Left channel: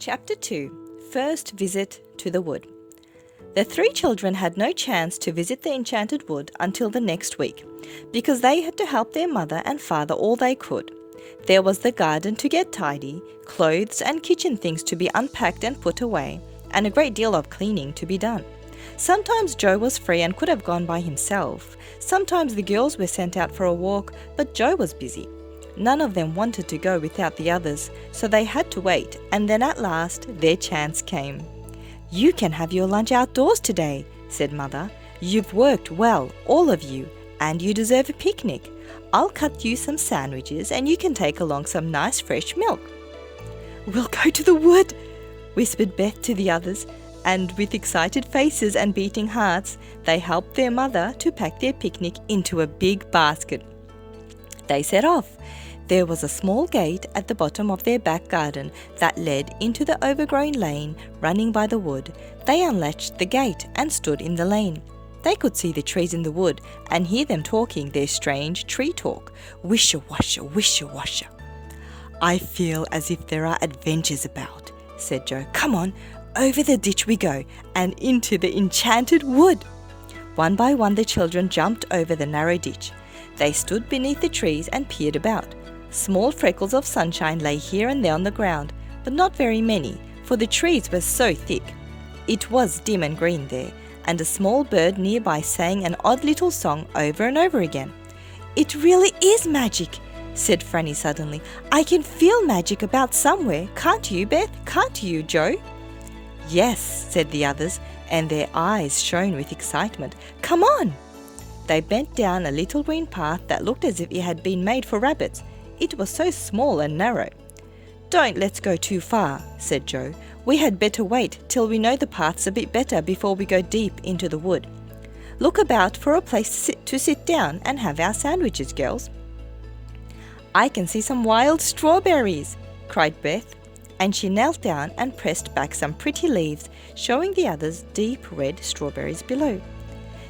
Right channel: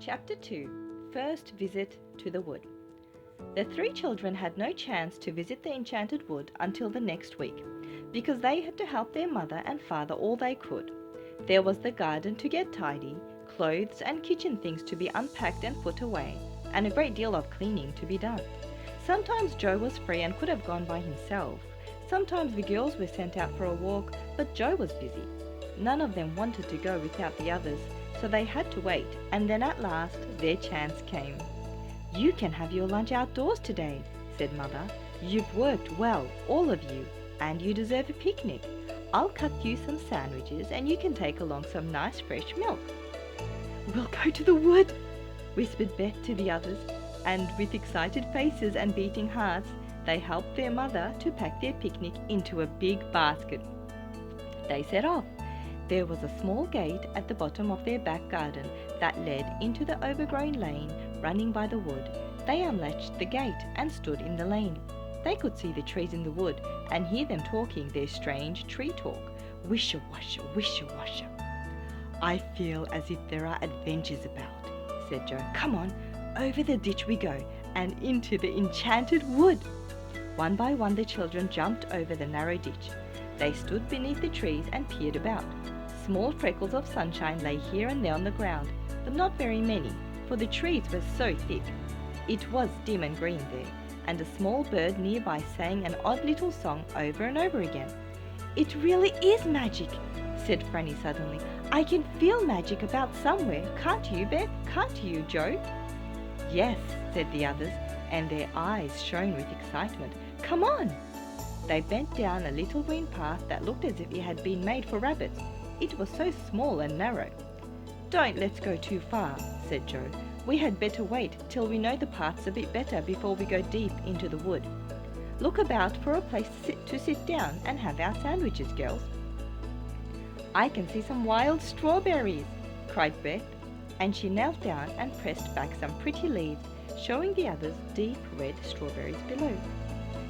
Chapter 2 First Visit to the Wood. The three children had no chance to visit the Enchanted Wood until the next week, because they had to help their mother and father all they could. There was the garden to get tidy, clothes and kitchen things to be unpacked and put away, and a great deal of cleaning to be done. Sometimes Joe was free and could have gone by himself. Sometimes the girls were sent out for a walk, but Joe was busy. None of them wanted to go without the others, so they had to wait, and then at last their chance came. "You can have your lunch outdoors today," said Mother. "You've worked well, all of you, and you deserve a picnic. I'll cut you some sandwiches and you can take along some nice fresh milk." "We'll go to the wood," whispered Beth to the others, and with excited faces and beating hearts, they helped their mother to pack their picnic into a big basket. They set off. There was a small gate at the bottom of their back garden that led into the overgrown lane running by the wood. They unlatched the gate and stood in the lane. They could see the trees in the wood and hear them talking their strange tree talk. "Wisha-washa, wisha-washa." "I feel as if there are adventures about," said Joe. "Come on, over the ditch we go and into the Enchanted Wood." One by one the children jumped over the narrow ditch. They stood beneath the trees and peered about. Small freckles of sunshine lay here and there on the ground, but not very many, for the trees were so thick. It was dim and green there, and a small bird nearby sang an odd little song over and over again. "It really is magic," said Franny suddenly. "I can feel magic about somewhere. Can't you, Beth? Can't you, Joe?" "Yes," said the others, and their eyes shone with excitement. "Come on!" They bent down a little green path that looked as if it had been made for rabbits. It was so small and narrow. "Don't let's go too far," said Joe. "We had better wait till we know the paths a bit better before we go deep into the wood. Look about for a place to sit down and have our sandwiches, girls." "I can see some wild strawberries," cried Beth, and she knelt down and pressed back some pretty leaves, showing the others deep red strawberries below.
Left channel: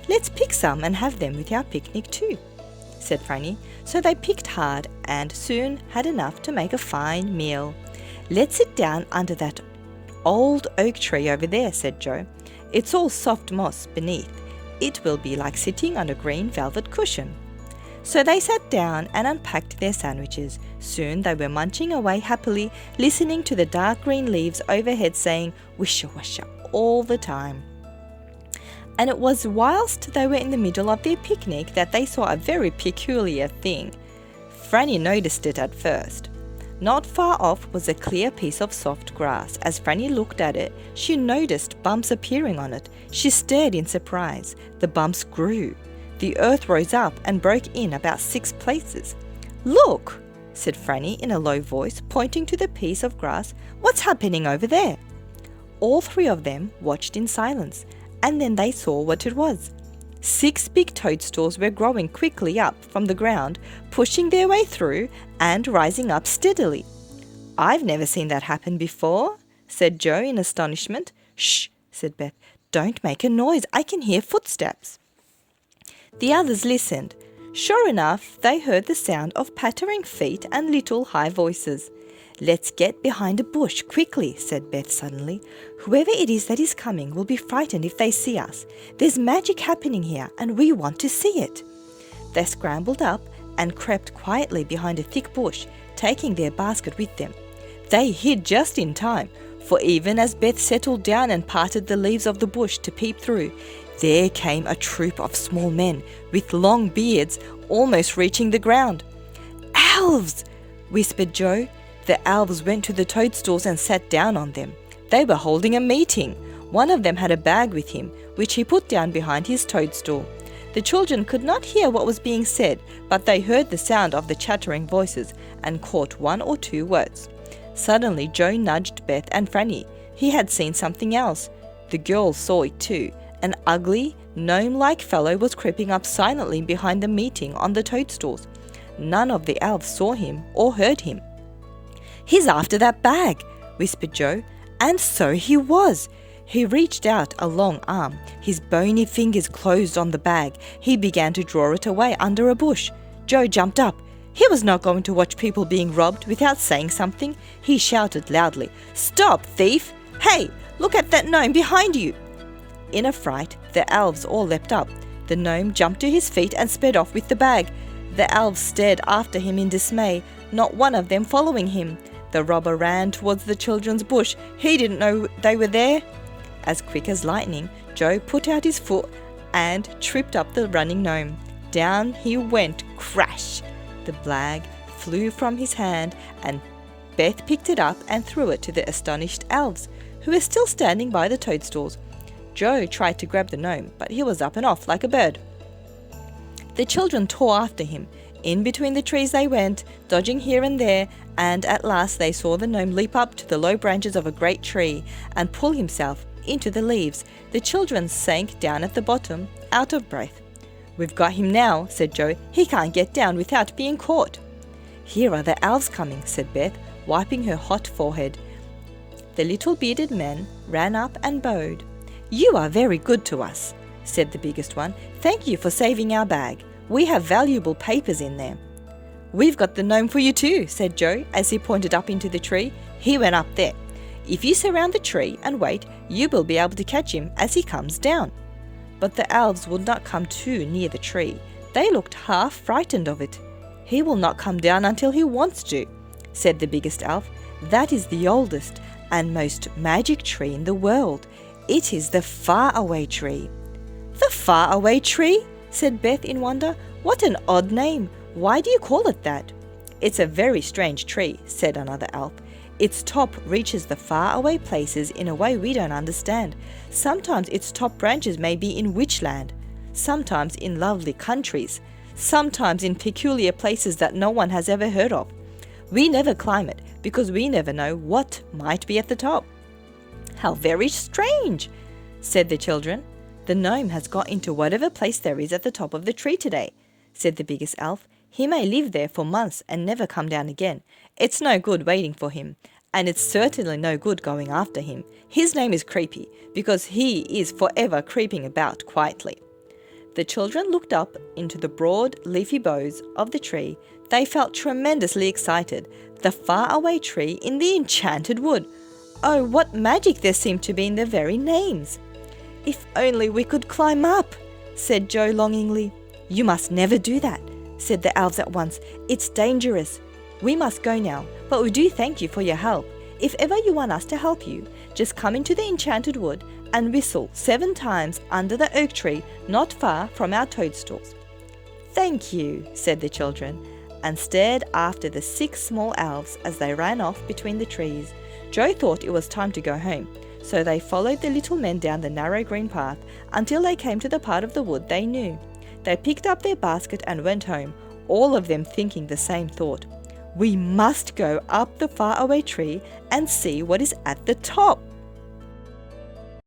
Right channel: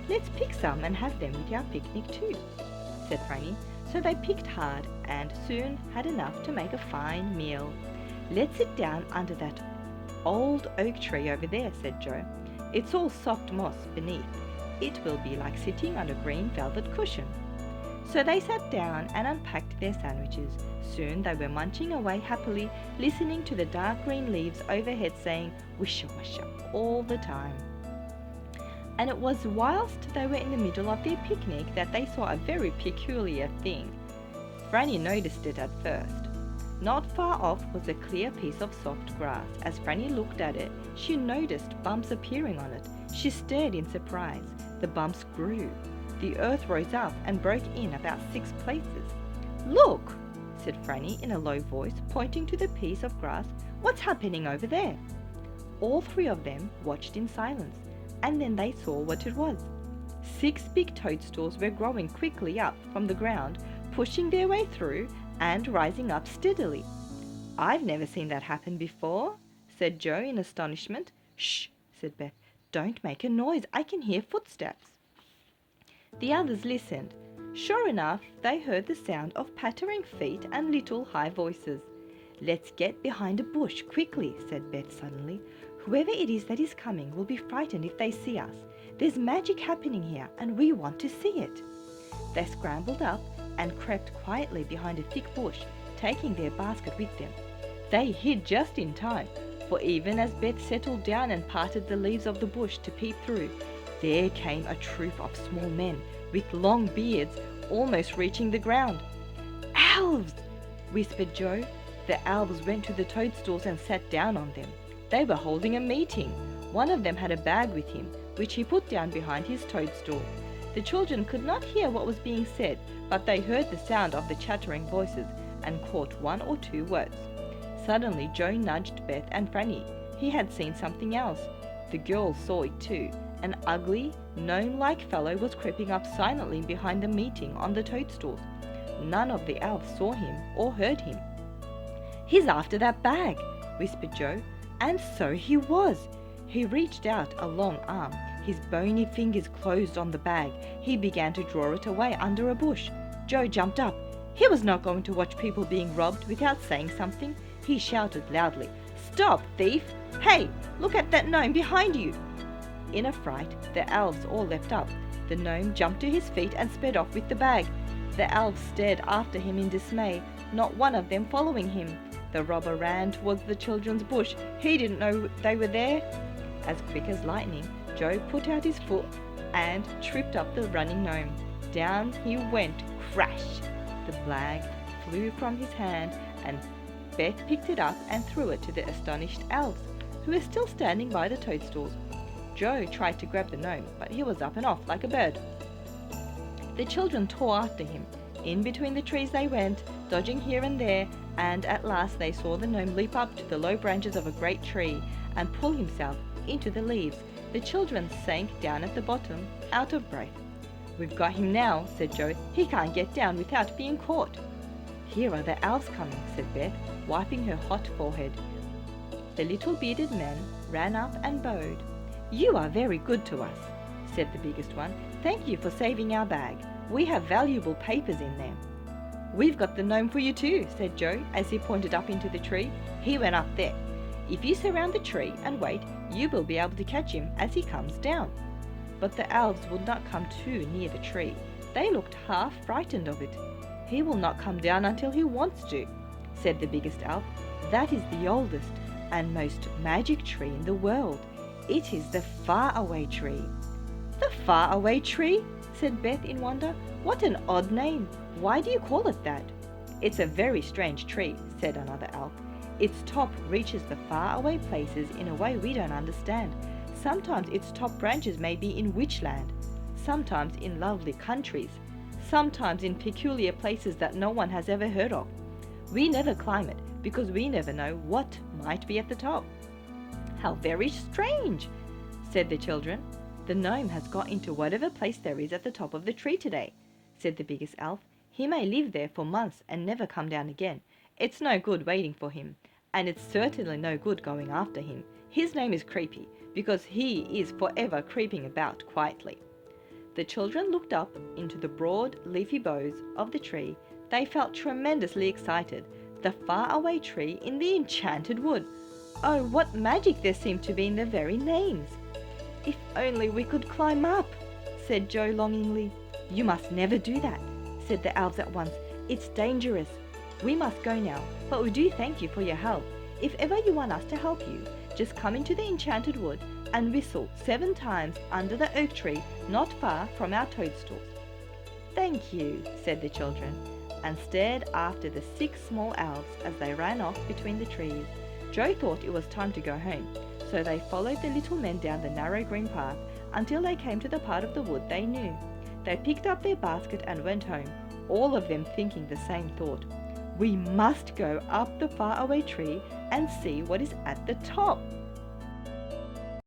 "Let's pick some and have them with our picnic too," said Franny. So they picked hard and soon had enough to make a fine meal. "Let's sit down under that old oak tree over there," said Joe. "It's all soft moss beneath. It will be like sitting on a green velvet cushion." So they sat down and unpacked their sandwiches. Soon they were munching away happily, listening to the dark green leaves overhead saying "wisha-washa" all the time. And it was whilst they were in the middle of their picnic that they saw a very peculiar thing. Franny noticed it at first. Not far off was a clear piece of soft grass. As Franny looked at it, she noticed bumps appearing on it. She stared in surprise. The bumps grew. The earth rose up and broke in about 6 places. "Look," said Franny in a low voice, pointing to the piece of grass. "What's happening over there?" All 3 of them watched in silence, and then they saw what it was. 6 big toadstools were growing quickly up from the ground, pushing their way through and rising up steadily. "I've never seen that happen before," said Joe in astonishment. "Shh," said Beth. "Don't make a noise. I can hear footsteps." The others listened. Sure enough, they heard the sound of pattering feet and little high voices. "Let's get behind a bush quickly," said Beth suddenly. "Whoever it is that is coming will be frightened if they see us. There's magic happening here and we want to see it." They scrambled up and crept quietly behind a thick bush, taking their basket with them. They hid just in time, for even as Beth settled down and parted the leaves of the bush to peep through, there came a troop of small men with long beards almost reaching the ground. "Elves!" whispered Joe. The elves went to the toadstools and sat down on them. They were holding a meeting. One of them had a bag with him, which he put down behind his toadstool. The children could not hear what was being said, but they heard the sound of the chattering voices and caught 1 or 2 words. Suddenly Joe nudged Beth and Franny. He had seen something else. The girls saw it too. An ugly, gnome-like fellow was creeping up silently behind the meeting on the toadstools. None of the elves saw him or heard him. "He's after that bag," whispered Joe. And so he was. He reached out a long arm. His bony fingers closed on the bag. He began to draw it away under a bush. Joe jumped up. He was not going to watch people being robbed without saying something. He shouted loudly, "Stop, thief! Hey, look at that gnome behind you!" In a fright, the elves all leapt up. The gnome jumped to his feet and sped off with the bag. The elves stared after him in dismay, not one of them following him. The robber ran towards the children's bush. He didn't know they were there. As quick as lightning, Joe put out his foot and tripped up the running gnome. Down he went, crash! The bag flew from his hand, and Beth picked it up and threw it to the astonished elves, who were still standing by the toadstools. Joe tried to grab the gnome, but he was up and off like a bird. The children tore after him. In between the trees they went, dodging here and there, and at last they saw the gnome leap up to the low branches of a great tree and pull himself into the leaves. The children sank down at the bottom, out of breath. "We've got him now," said Joe. "He can't get down without being caught." "Here are the elves coming," said Beth, wiping her hot forehead. The little bearded men ran up and bowed. "You are very good to us," said the biggest one. "Thank you for saving our bag. We have valuable papers in there." "We've got the gnome for you too," said Joe as he pointed up into the tree. "He went up there. If you surround the tree and wait, you will be able to catch him as he comes down." But the elves would not come too near the tree. They looked half frightened of it. "He will not come down until he wants to," said the biggest elf. "That is the oldest and most magic tree in the world. It is the Faraway tree." "The Faraway tree?" said Beth in wonder. "What an odd name. Why do you call it that?" "It's a very strange tree," said another elf. "Its top reaches the faraway places in a way we don't understand. Sometimes its top branches may be in witchland, sometimes in lovely countries, sometimes in peculiar places that no one has ever heard of. We never climb it because we never know what might be at the top." "How very strange," said the children. "The gnome has got into whatever place there is at the top of the tree today," said the biggest elf. "He may live there for months and never come down again. It's no good waiting for him, and it's certainly no good going after him. His name is Creepy because he is forever creeping about quietly." The children looked up into the broad leafy boughs of the tree. They felt tremendously excited. The faraway tree in the enchanted wood. Oh, what magic there seemed to be in their very names. "If only we could climb up," said Joe longingly. "You must never do that," said the elves at once. "It's dangerous. We must go now, but we do thank you for your help. If ever you want us to help you, just come into the enchanted wood and whistle 7 times under the oak tree not far from our toadstools." "Thank you," said the children, and stared after the 6 small elves as they ran off between the trees. Joe thought it was time to go home, so they followed the little men down the narrow green path until they came to the part of the wood they knew. They picked up their basket and went home, all of them thinking the same thought. "We must go up the faraway tree and see what is at the top."